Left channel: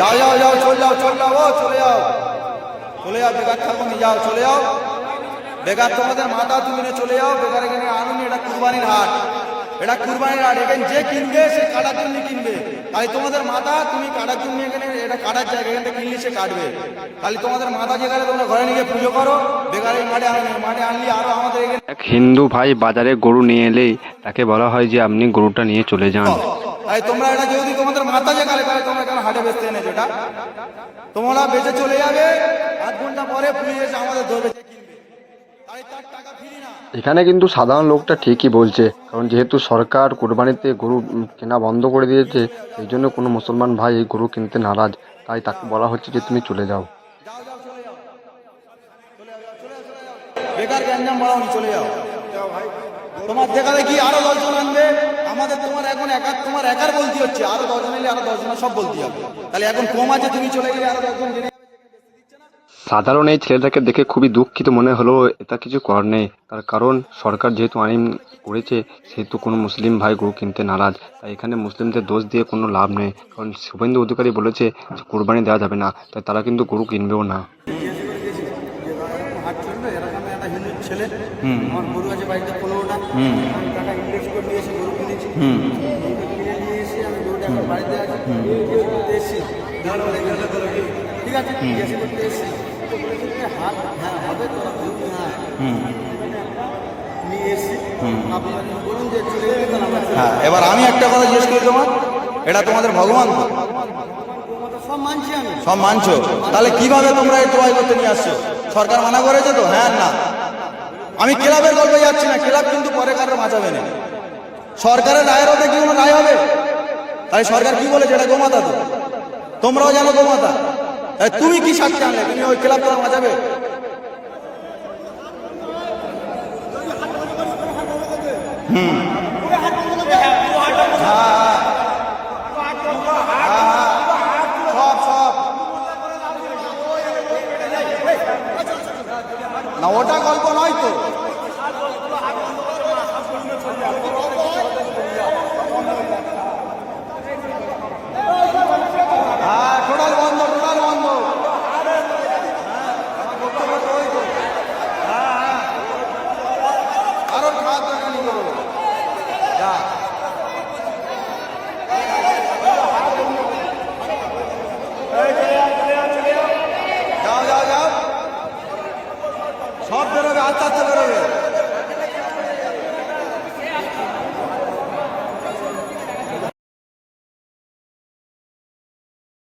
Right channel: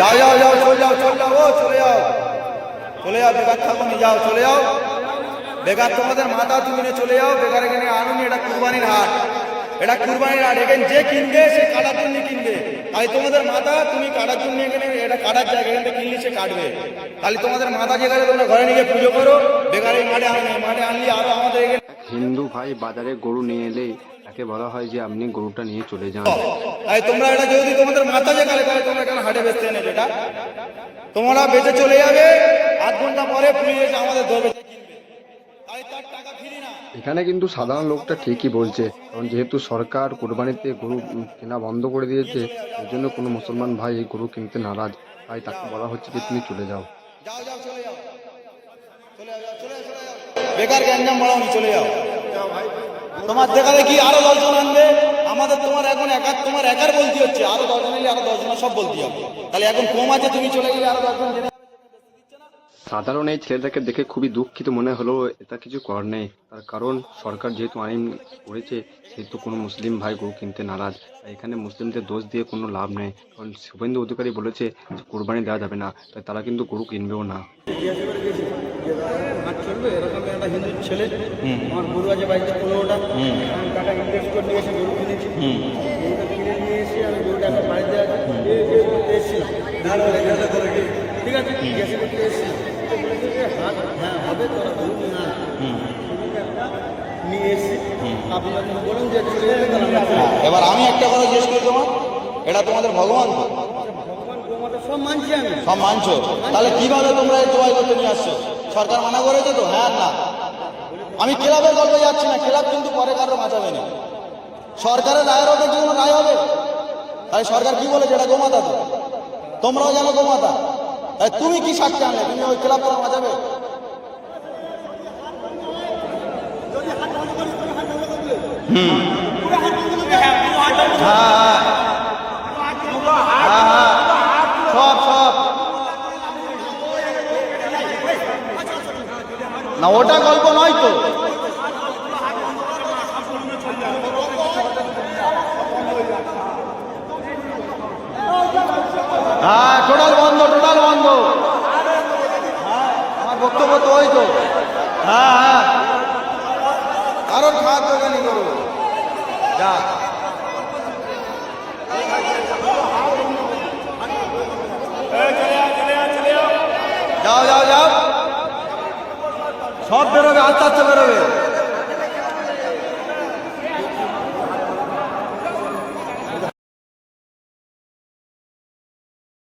যাও যাও যাও, চলে যাও, চলে যাও, ও চলে যাও, চলে যাও, বেকার থাকো নি, যাও চলে যাও। বেকার তোমাদের মাথা তুমি চলে যাও, বেকার এখানে আনুনি। এটা কুরবানির হাট, এটা কুরবানির হাট। এখানে যে কিনবে সে কাটার জন্য কিনবে। তাই তোমাদের মাথা তুমি কাটার জন্য এখানে, এটা কাটার জায়গা, এখানে কিনলে সে কাটবে। তাহলে তোমাদের মাথা যেখানে তোমরা ঘরে নিয়ে পুজো করো, বেকার এই মাঠে আনুনি। মাঠে আনলে আরো আমাদের এখানে এক হিন্দু ভাই বাজারে গরু নিয়ে এলেই তাকে বলা হয় যে আপনি গরুটা নিয়ে চলে যান। তাই তোমরা এটা যদি তোমাদের মাথা যেখানে, তাহলে তোমরা এখানে হাটে বেচতে এনেছো, এটা তোমরা বেঁচে চলে যাবে। 8 ঘন্টা পরে পুলিশ এসে আমাদের ধরবে, তাই তার টাকা ফিরি না। এখানে কিন্তু সাধারণ লোকটা ঠিকই বলছে, কারণ যেহেতু সরকার কোরবানিতে গরু কেনা বন্ধ করে দিয়েছে, এই জন্য কোনো মুসলমান ভাই এই গরু কিনতে নারাজ। তাই তাকে বলা হচ্ছে যে তুমি চলে যাও। যাও যাও, চলে যাও, চলে যাও, চলে যাও, চলে যাও। বেকার গ্যাঞ্জাম বাড়াওনি, চলে যাও। তোমার দেখাবে কি আরো 10 জন আনবে আমাদের, তোমার এখন তোমার একার বলতে হচ্ছে। আরো 10 জন এলে আরো 10 জনের সব বলতে হবে। তাহলে এখন কম আছে, তুমি চলে গেলে আরো 10 জন জেনে। সাধারণ এই ছেলেটাকে দেখে খুবই দুঃখিত মনে হলো। এটা কিছু করার নেই, তার কারণ সরকার যেহেতু আইন করেছে, সেহেতু কোনো মুসলিম ভাই গরু কিনতে নারাজ। তাই এখানে মুসলিমদের দোষ দিয়ে কোনো লাভ নেই, কারণ শুভেন্দু অধিকারী বলেছে যে কোরবানি দেওয়া যাবে না, তাই তারা কিন্তু গরু কিনবেও না। হাট চলবে এরকম একটা হিন্দু ছেলে, আমার গরু আছে বাড়িতে 15টা, আমি টাকা ইনভেস্ট করে নিয়ে এসে গরু কিনেছি। কিনে নিয়ে এসে আমি গরুটা এখন বাড়িতে আছে, এসেছিলাম, ঠিক আছে, জিজ্ঞাসা করতে এসেছিলাম। হাট হ্যাঁ হবে, তোরা গরু হ্যাঁ নিয়ে এসেছি। আপনারা বলুন যে চলে যাবে। এবার আমি একটা কথা জিজ্ঞেস করি, তোমার এটা তোমাদের ভগবান তো? সব মানছি আমি, সব মানছো, তাহলে কিভাবে তোমরা এই দোয়াই করতে নিয়ে আসছো? সরকার মানা করেছে তো? হ্যাঁ না, আমি ক্লাবের গল্পে যাচ্ছি না, ক্লাব কিন্তু পরে কারো বাঁচাবে না। সরকারের রায়ের ওটা কি কোনো রায় হবে? তাই সরকার কি বলেছে? এটা গোমাতা তো, তোমরাও জানো গোমাতা। তাই তুমি কি স্বার্থে আনলে? তুমি ওই ক্লাব তারা বাঁচাবে? না ওটা গল্প নয় তো। হ্যাঁ টোটাল বন্ধ, টোটাল বন্ধ। আমার বক্তব্য তো ওই তো। হ্যাঁ হ্যাঁ, আরো খাওয়ার দোকানি করো, যা যাও যাও যাও, সব বেরোবে, আস্তে আস্তে বেরোবে।